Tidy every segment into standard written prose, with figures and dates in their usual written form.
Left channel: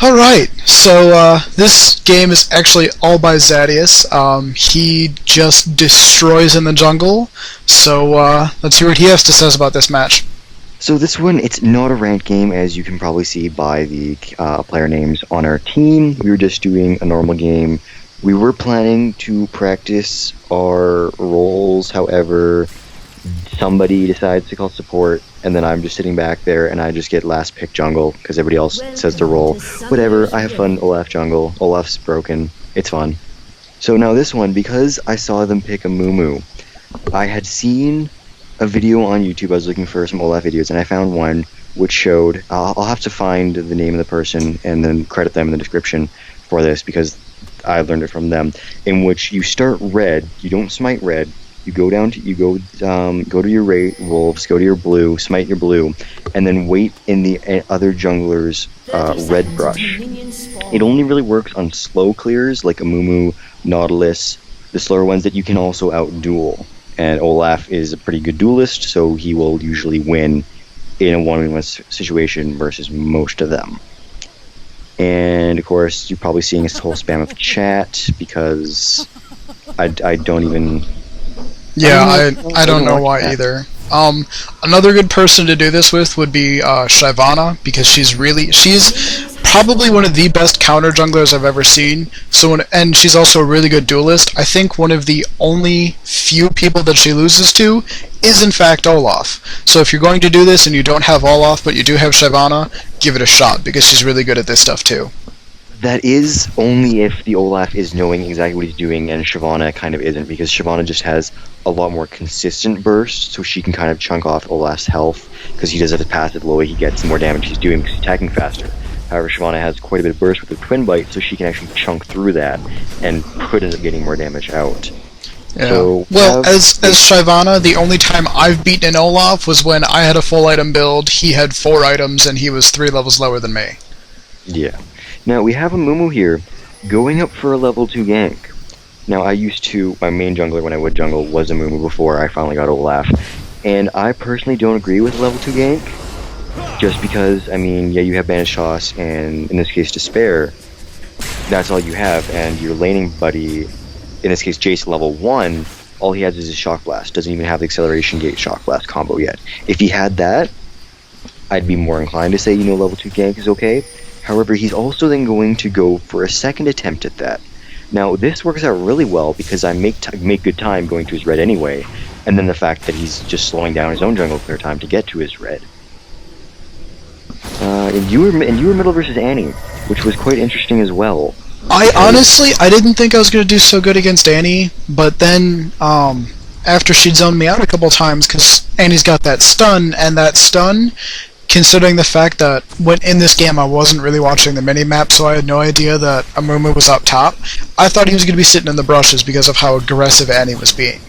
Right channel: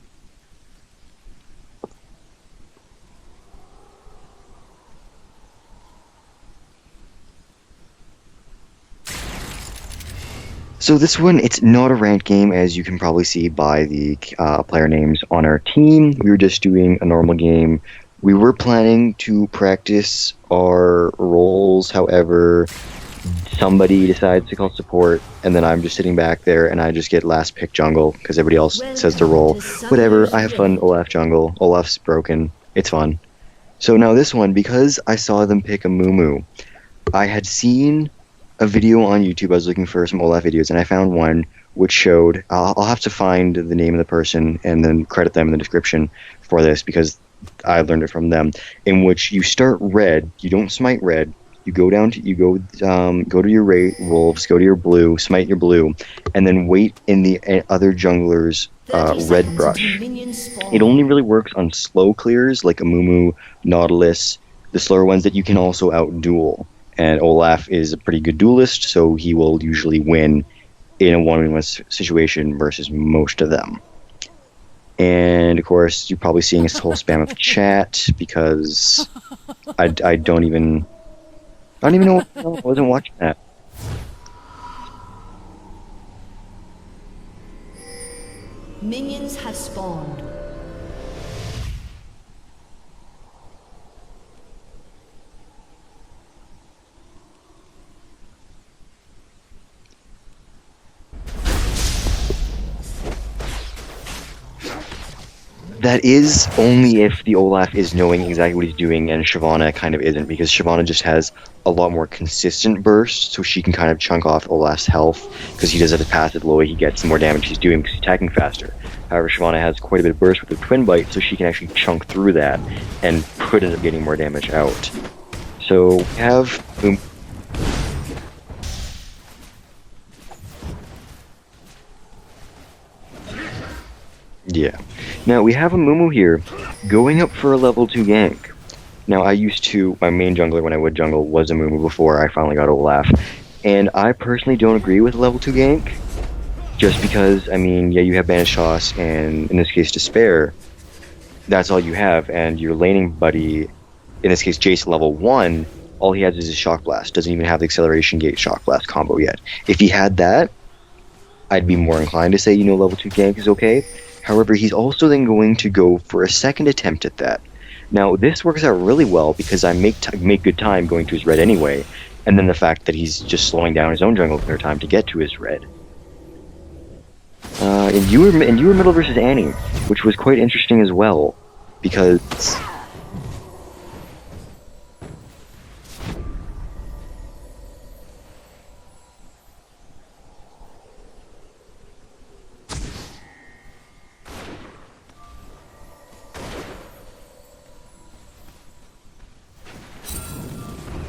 Alright, so this game is actually all by Zadius. He just destroys in the jungle, so let's hear what he has to say about this match. So this one, it's not a ranked game, as you can probably see by the player names on our team. We were just doing a normal game. We were planning to practice our roles, however, somebody decides to call support, and then I'm just sitting back there, and I just get last pick jungle, because everybody else says their role. Whatever, I have fun, Olaf jungle. Olaf's broken. It's fun. So now this one, because I saw them pick Amumu, I had seen a video on YouTube. I was looking for some Olaf videos, and I found one which showed. I'll have to find the name of the person and then credit them in the description for this because I learned it from them. In which you start red, you don't smite red. You go down to go to your wolves, go to your blue, smite your blue, and then wait in the other jungler's red brush. It only really works on slow clears like Amumu, Nautilus, the slower ones that you can also out-duel. And Olaf is a pretty good duelist, so he will usually win in a one-on-one situation versus most of them. And of course, you're probably seeing his whole spam of chat because I don't even. Yeah, I don't know why that. either. Another good person to do this with would be Shyvana, because she's probably one of the best counter junglers I've ever seen. And she's also a really good duelist. I think one of the only few people that she loses to is in fact Olaf. So if you're going to do this and you don't have Olaf but you do have Shyvana, give it a shot because she's really good at this stuff too. That is only if the Olaf is knowing exactly what he's doing, and Shyvana kind of isn't, because Shyvana just has a lot more consistent burst, so she can kind of chunk off Olaf's health, because he does have his passive. The lower he gets, the more damage he's doing because he's attacking faster. However, Shyvana has quite a bit of burst with her Twin Bite, so she can actually chunk through that, and could end up getting more damage out. Yeah. So, as Shyvana, the only time I've beaten an Olaf was when I had a full item build, he had 4 items, and he was 3 levels lower than me. Yeah. Now, we have Amumu here, going up for a level 2 gank. Now, my main jungler when I would jungle was Amumu before I finally got Olaf, and I personally don't agree with level 2 gank, just because, I mean, yeah, you have Banish Toss, and in this case, Despair, that's all you have, and your laning buddy, in this case, Jace level 1, all he has is his Shock Blast, doesn't even have the Acceleration Gate Shock Blast combo yet. If he had that, I'd be more inclined to say, level 2 gank is okay. However, he's also then going to go for a second attempt at that. Now, this works out really well because I make good time going to his red anyway, and then the fact that he's just slowing down his own jungle clear time to get to his red. And you were middle versus Annie, which was quite interesting as well. Honestly, I didn't think I was going to do so good against Annie, but then after she'd zoned me out a couple times, because Annie's got that stun, and that stun, considering the fact that when in this game I wasn't really watching the mini-map, so I had no idea that Amumu was up top, I thought he was going to be sitting in the brushes because of how aggressive Annie was being.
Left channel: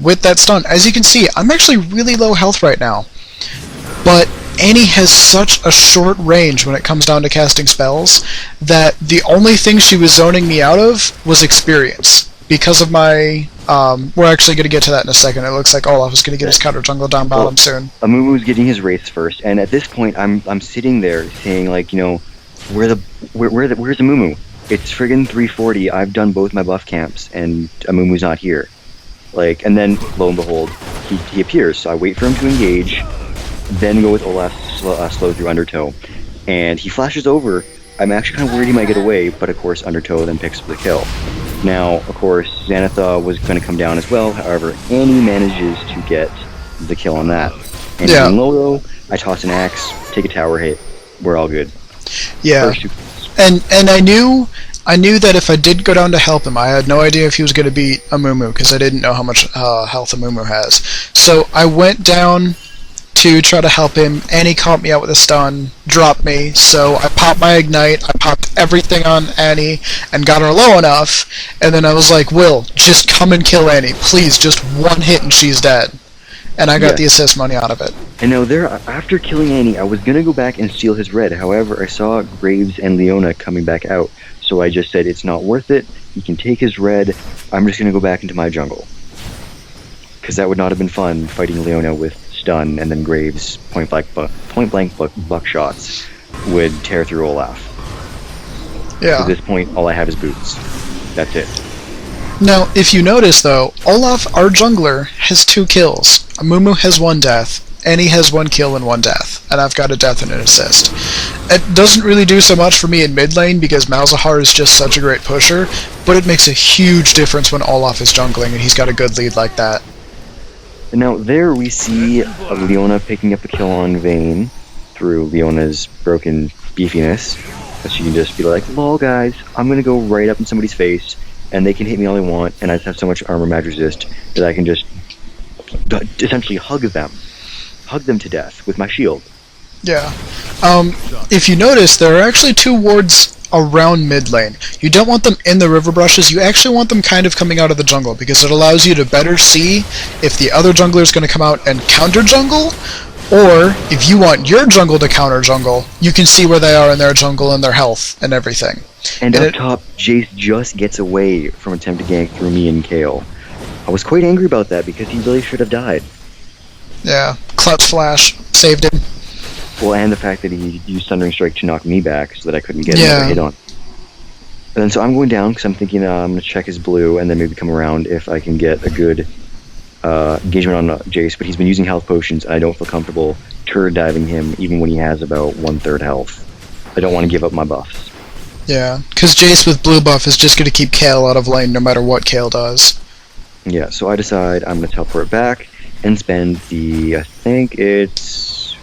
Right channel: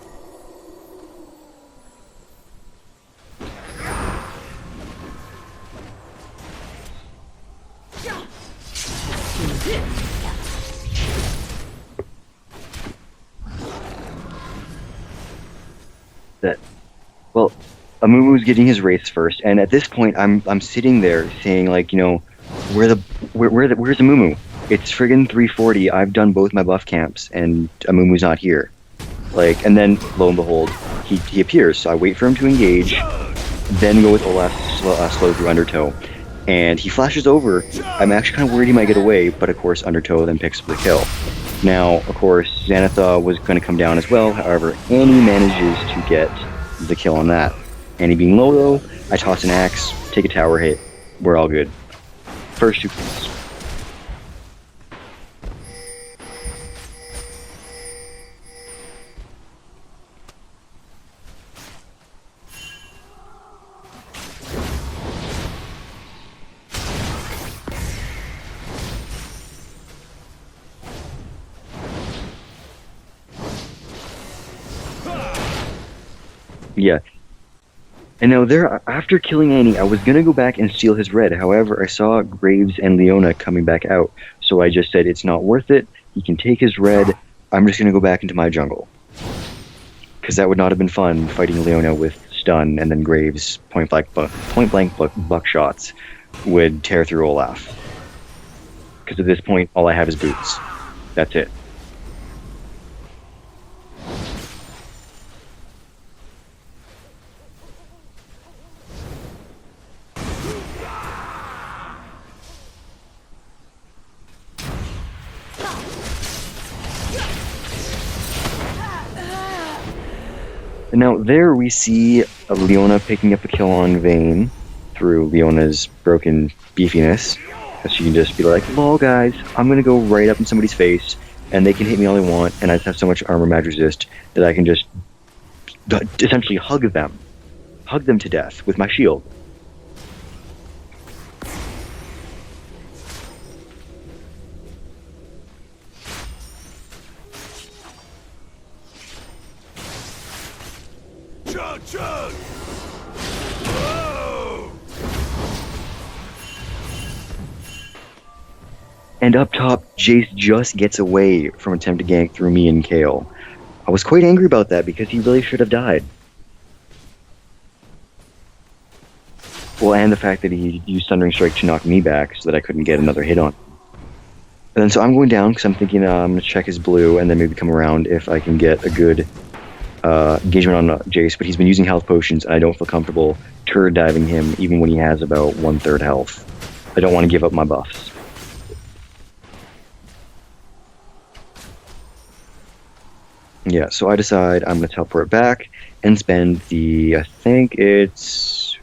With that stun, as you can see, I'm actually really low health right now. But Annie has such a short range when it comes down to casting spells that the only thing she was zoning me out of was experience. Because of my... we're actually going to get to that in a second. It looks like Olaf is going to get his counter jungle down bottom soon. Amumu's getting his wraiths first, and at this point, I'm sitting there saying, like, where's Amumu? It's friggin' 340. I've done both my buff camps, and Amumu's not here. Like, and then lo and behold, he appears. So I wait for him to engage, then go with Olaf's slow through Undertow, and he flashes over. I'm actually kind of worried he might get away, but of course Undertow then picks up the kill. Now, of course, Xanatha was going to come down as well. However, Annie manages to get the kill on that. And being low, though, I toss an axe, take a tower hit. We're all good. Yeah. First 2 kills. And I knew that if I did go down to help him, I had no idea if he was going to beat Amumu, because I didn't know how much health Amumu has. So I went down to try to help him. Annie caught me out with a stun, dropped me, so I popped my Ignite, I popped everything on Annie, and got her low enough, and then I was like, Will, just come and kill Annie, please, just 1 hit and she's dead. And I got the assist money out of it. And now after killing Annie, I was going to go back and steal his red. However, I saw Graves and Leona coming back out, so I just said it's not worth it, he can take his red, I'm just going to go back into my jungle. Because that would not have been fun, fighting Leona with stun, and then Graves point blank buckshots would tear through Olaf. Because Yeah. at this point, all I have is boots. That's it. Now, if you notice though, Olaf, our jungler, has 2 kills. Amumu has 1 death. Annie has 1 kill and 1 death. And I've got a death and an assist. It doesn't really do so much for me in mid lane because Malzahar is just such a great pusher, but it makes a huge difference when Olaf is jungling and he's got a good lead like that. And now there we see Leona picking up a kill on Vayne through Leona's broken beefiness. Because she can just be like, lol guys, I'm gonna go right up in somebody's face, and they can hit me all they want, and I just have so much armor mag resist that I can just essentially hug them to death with my shield. Yeah. If you notice, there are actually 2 wards around mid lane. You don't want them in the river brushes, you actually want them kind of coming out of the jungle, because it allows you to better see if the other jungler is going to come out and counter jungle, or if you want your jungle to counter jungle, you can see where they are in their jungle and their health and everything. And up top, Jace just gets away from attempting to gank through me and Kale. I was quite angry about that because he really should have died. Yeah, clutch flash, saved him. Well, and the fact that he used Thundering Strike to knock me back so that I couldn't get another hit on. And then so I'm going down because I'm thinking I'm going to check his blue and then maybe come around if I can get a good engagement on Jace. But he's been using health potions and I don't feel comfortable turret diving him even when he has about 1/3 health. I don't want to give up my buffs. Yeah, because Jace with blue buff is just going to keep Kale out of lane no matter what Kale does. Yeah, so I decide I'm going to teleport back and spend I think it's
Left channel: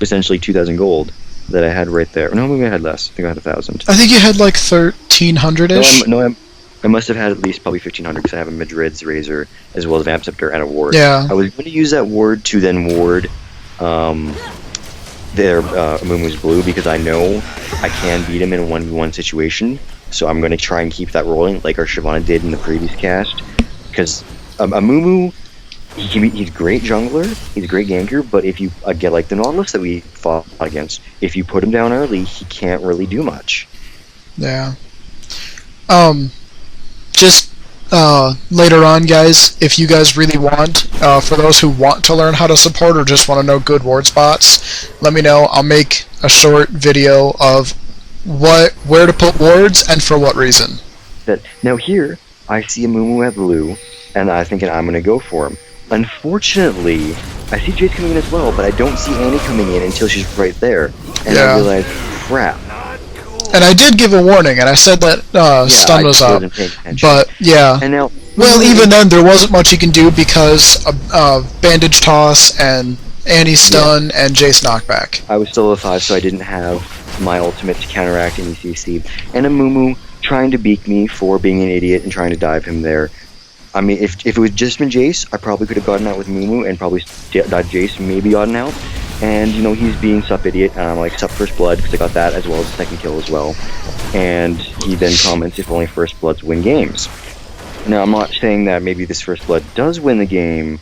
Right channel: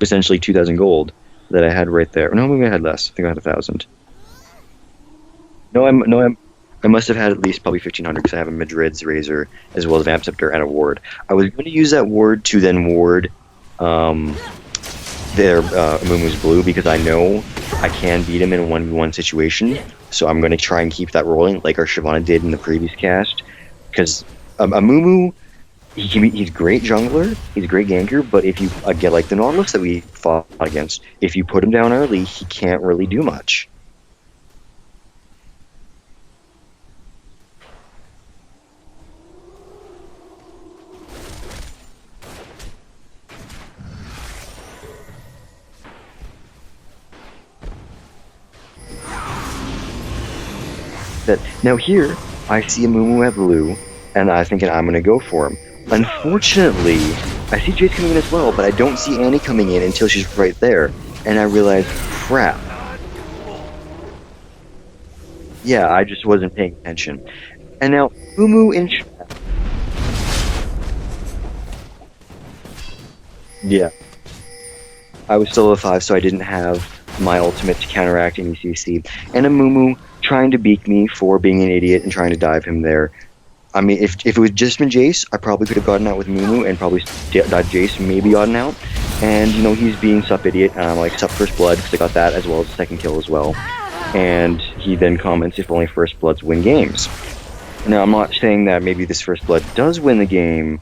essentially 2,000 gold that I had right there. No, maybe I had less. I think I had 1,000. I think you had like 1,300-ish. I must have had at least probably 1,500 because I have a Madrid's Razor as well as Vamp Scepter and a ward. Yeah. I was going to use that ward to then ward their Amumu's blue because I know I can beat him in a 1v1 situation. So I'm going to try and keep that rolling like our Shyvana did in the previous cast. Because Amumu, he's a great jungler, he's a great ganker, but if you get like the Nautilus that we fought against, if you put him down early, he can't really do much. Yeah. Just later on, guys, if you guys really want, for those who want to learn how to support or just want to know good ward spots, let me know. I'll make a short video of where to put wards and for what reason. Now here, I see Amumu at blue, and I'm thinking I'm going to go for him. Unfortunately, I see Jace coming in as well, but I don't see Annie coming in until she's right there, and I realize, crap. And I did give a warning, and I said that stun was up. Wasn't paying attention. But yeah, and now, well, even then, there wasn't much you can do because bandage toss and Annie's stun and Jace knockback. I was still a 5, so I didn't have my ultimate to counteract any CC. And Amumu trying to beak me for being an idiot and trying to dive him there. I mean, if it was just been Jace, I probably could have gotten out with Mumu and probably died Jace, maybe gotten out. And, you know, he's being sup idiot, and I'm like, sup first blood, because I got that as well as the second kill as well. And he then comments, if only first bloods win games. Now, I'm not saying that maybe this first blood does win the game.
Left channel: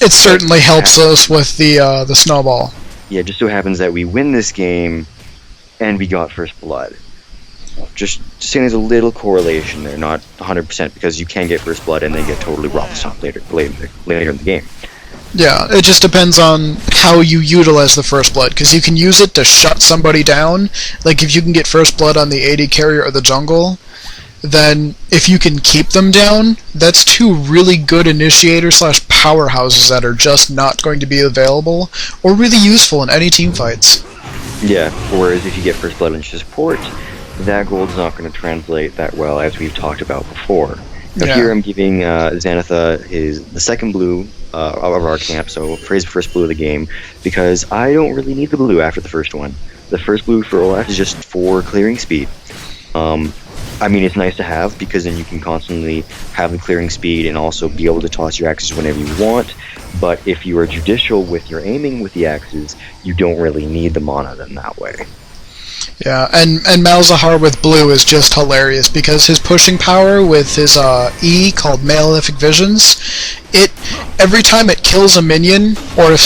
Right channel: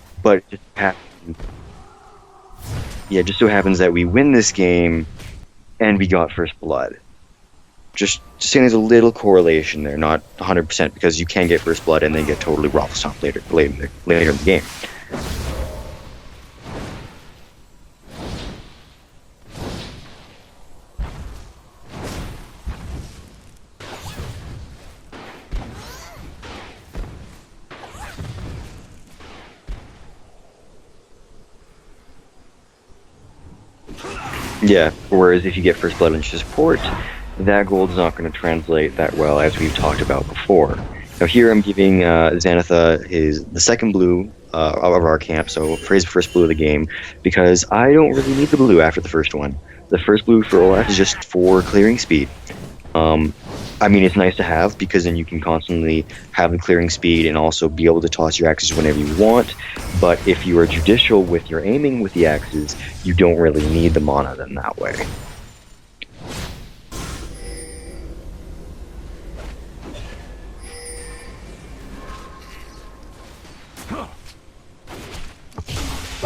It certainly helps us with the snowball. Yeah, just so happens that we win this game, and we got first blood. Just saying there's a little correlation there, not 100%, because you can get first blood and then get totally rough later in the game. Yeah, it just depends on how you utilize the first blood, because you can use it to shut somebody down. Like if you can get first blood on the AD carrier or the jungle, then if you can keep them down, that's 2 really good initiator / powerhouses that are just not going to be available or really useful in any team fights. Yeah, whereas if you get first blood and support, that gold's not going to translate that well, as we've talked about before. Now here I'm giving Xanatha the second blue of our camp, so for his first blue of the game, because I don't really need the blue after the first one. The first blue for Olaf is just for clearing speed. I mean, it's nice to have, because then you can constantly have the clearing speed and also be able to toss your axes whenever you want, but if you are judicial with your aiming with the axes, you don't really need the mana then that way. Yeah, and Malzahar with blue is just hilarious because his pushing power with his E called Malefic Visions, every time it kills a minion, or if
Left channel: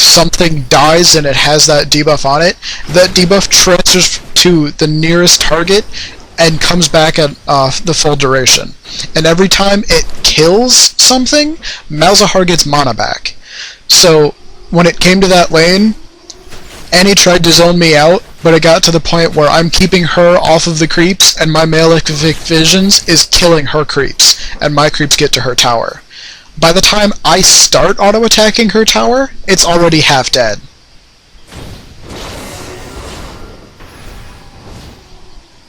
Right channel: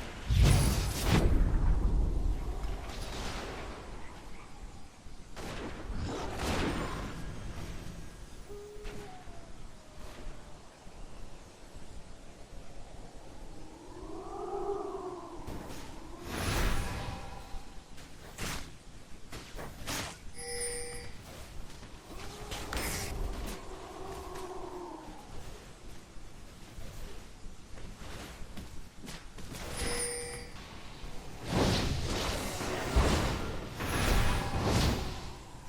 something dies and it has that debuff on it, that debuff transfers to the nearest target and comes back at the full duration. And every time it kills something, Malzahar gets mana back. So when it came to that lane, Annie tried to zone me out, but it got to the point where I'm keeping her off of the creeps, and my Malefic Visions is killing her creeps, and my creeps get to her tower. By the time I start auto-attacking her tower, it's already half dead.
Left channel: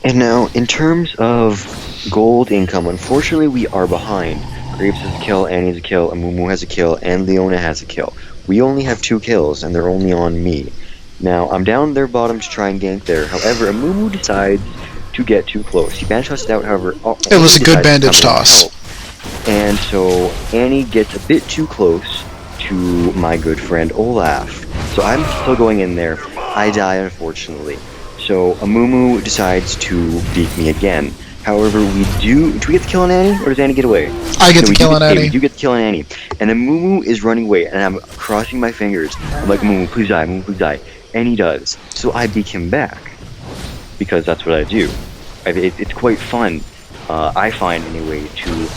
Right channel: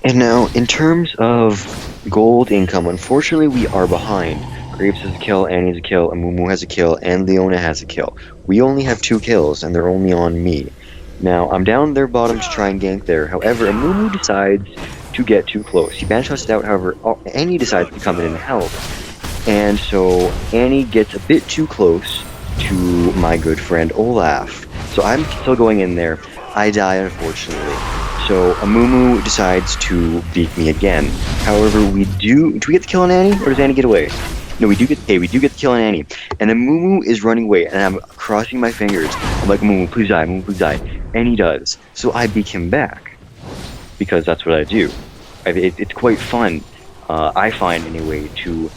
And now, in terms of gold income, unfortunately we are behind. Graves has a kill, Annie has a kill, Amumu has a kill, and Leona has a kill. We only have 2 kills, and they're only on me. Now, I'm down their bottom to try and gank there. However, Amumu decides to get too close. He bandage tossed out, however, it was a good bandage toss. And so Annie gets a bit too close to my good friend Olaf. So I'm still going in there. I die, unfortunately. So Amumu decides to beat me again. However, do we get the kill on Annie, or does Annie get away? I get the kill on Annie. We do get the kill on Annie. And Amumu is running away, and I'm crossing my fingers. I'm like, Amumu, please die, Amumu, please die. And he does. So I beat him back. Because that's what I do. It's quite fun, I find anyway, to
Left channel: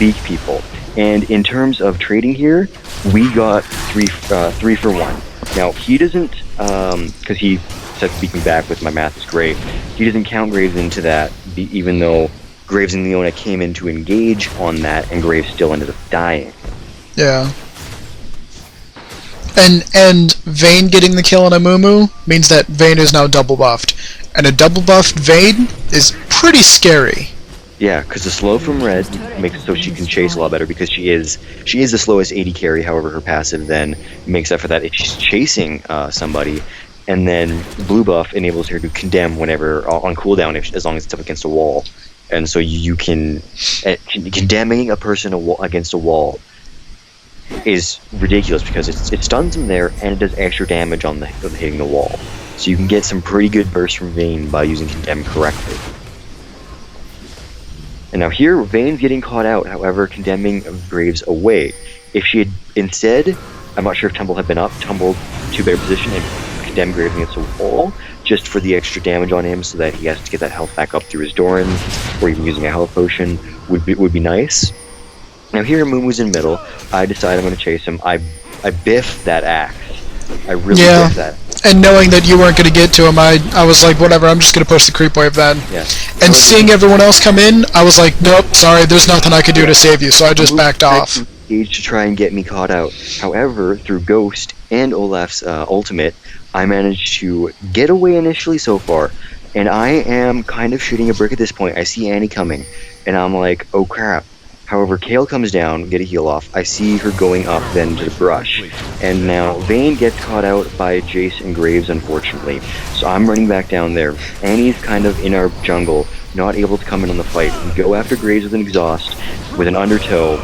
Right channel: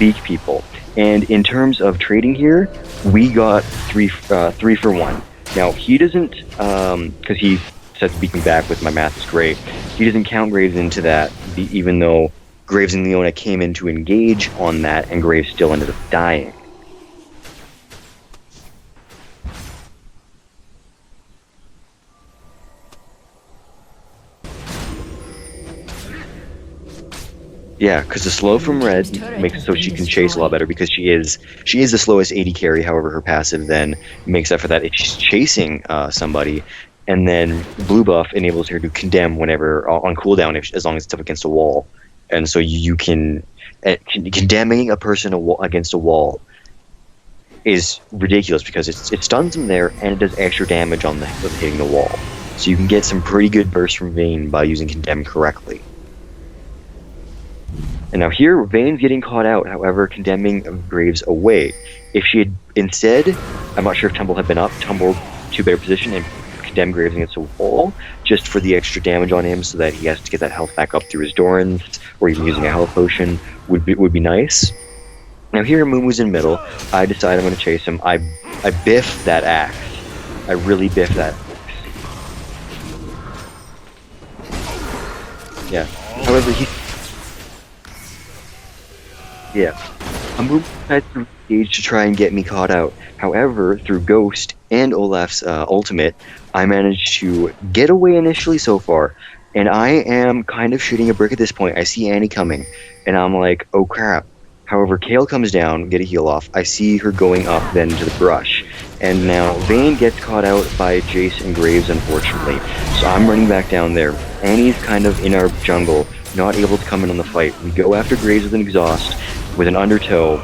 beat people. And in terms of trading here, we got 3 for 1. Now, he doesn't, because he said to beat me back with my math is great. He doesn't count Graves into that, even though Graves and Leona came in to engage on that, and Graves still ended up dying. Yeah. And Vayne getting the kill on Amumu means that Vayne is now double buffed. And a double buffed Vayne is pretty scary. Yeah, because the slow from red makes it so she can chase a lot better, because she is the slowest AD carry. However, her passive then makes up for that if she's chasing somebody. And then blue buff enables her to condemn whenever on cooldown, as long as it's up against a wall. And so you can condemning a person against a wall is ridiculous, because it stuns them there and it does extra damage on hitting the wall. So you can get some pretty good bursts from Vayne by using condemn correctly. And now here, Vayne's getting caught out, however, condemning Graves away. If she had instead, I'm not sure if Tumble had been up, tumbled to a better position and condemn Graves against a wall, just for the extra damage on him, so that he has to get that health back up through his Dorans, or even using a health potion would be nice. Now here, Mumu's in middle. I decide I'm going to chase him. I biff that axe. I really biff that. And knowing that you weren't going to get to him, I was like, whatever, I'm just going to push the creep wave then. Yeah. And however, seeing everyone else come in, I was like, nope, sorry, there's nothing I could do to save you, so I just backed off. To try and get me caught out. However, through Ghost and Olaf's ultimate, I managed to get away initially so far, and I am kind of shooting a brick at this point. I see Annie coming, and I'm like, oh crap. However, Kale comes down, get a heal off. I see her going up then to the brush. And now Vayne gets caught out by Jace and Graves, unfortunately. So I'm running back down there. Annie's kind of in our jungle, not able to come in on the fight. We go after Graves with an exhaust, with an undertow.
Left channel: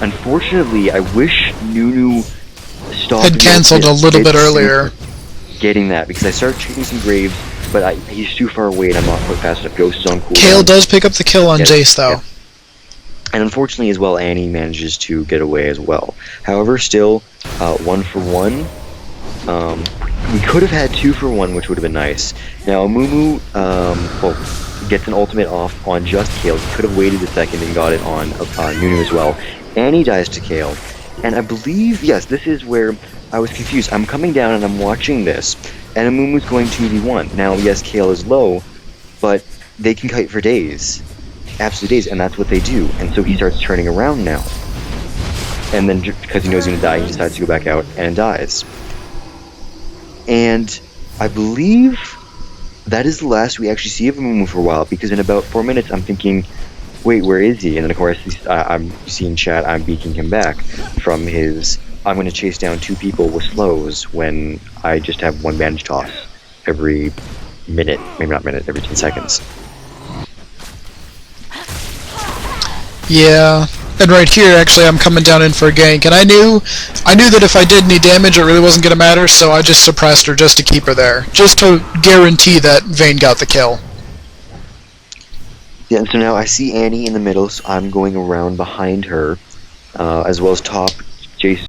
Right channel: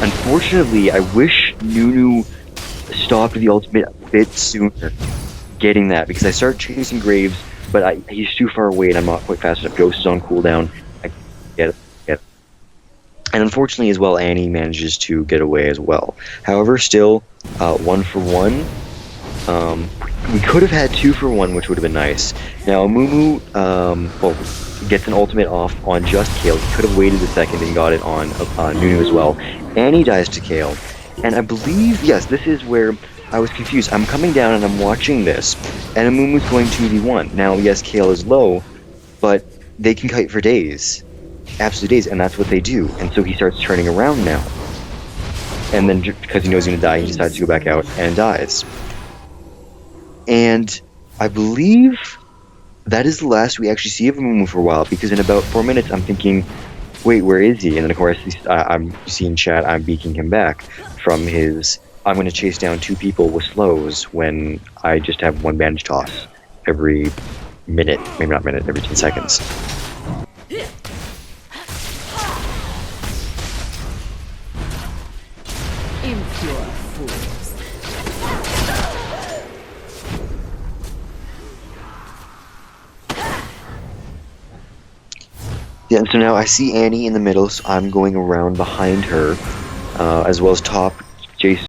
Unfortunately, I wish Nunu stopped. Had cancelled a little bit earlier. Getting that, because I started chasing some Graves, but he's too far away and I'm not quite fast enough. Ghost is on cooldown. Kale does pick up the kill on Jace, though. Yeah. And unfortunately as well, Annie manages to get away as well. However, still, 1 for 1. We could have had 2 for 1, which would have been nice. Now, Amumu gets an ultimate off on just Kale. He could have waited a second and got it on Nunu as well. Annie dies to Kale. And I believe, yes, this is where I was confused. I'm coming down and I'm watching this, and Amumu's going 2v1. Now, yes, Kale is low, but they can kite for days. Absolute days, and that's what they do. And so he starts turning around now. And then, because he knows he's going to die, he decides to go back out and dies. And I believe that is the last we actually see of Amumu for a while, because in about 4 minutes I'm thinking, wait, where is he? And then of course I'm seeing chat, I'm beaking him back from his, I'm going to chase down 2 people with slows when I just have 1 bandage toss every minute, maybe not minute, every 10 seconds. Yeah, and right here, actually, I'm coming down in for a gank, and I knew that if I did any damage, it really wasn't going to matter, so I just suppressed her just to keep her there, just to guarantee that Vayne got the kill. Yeah, so now I see Annie in the middle, so I'm going around behind her, as well as top Jason.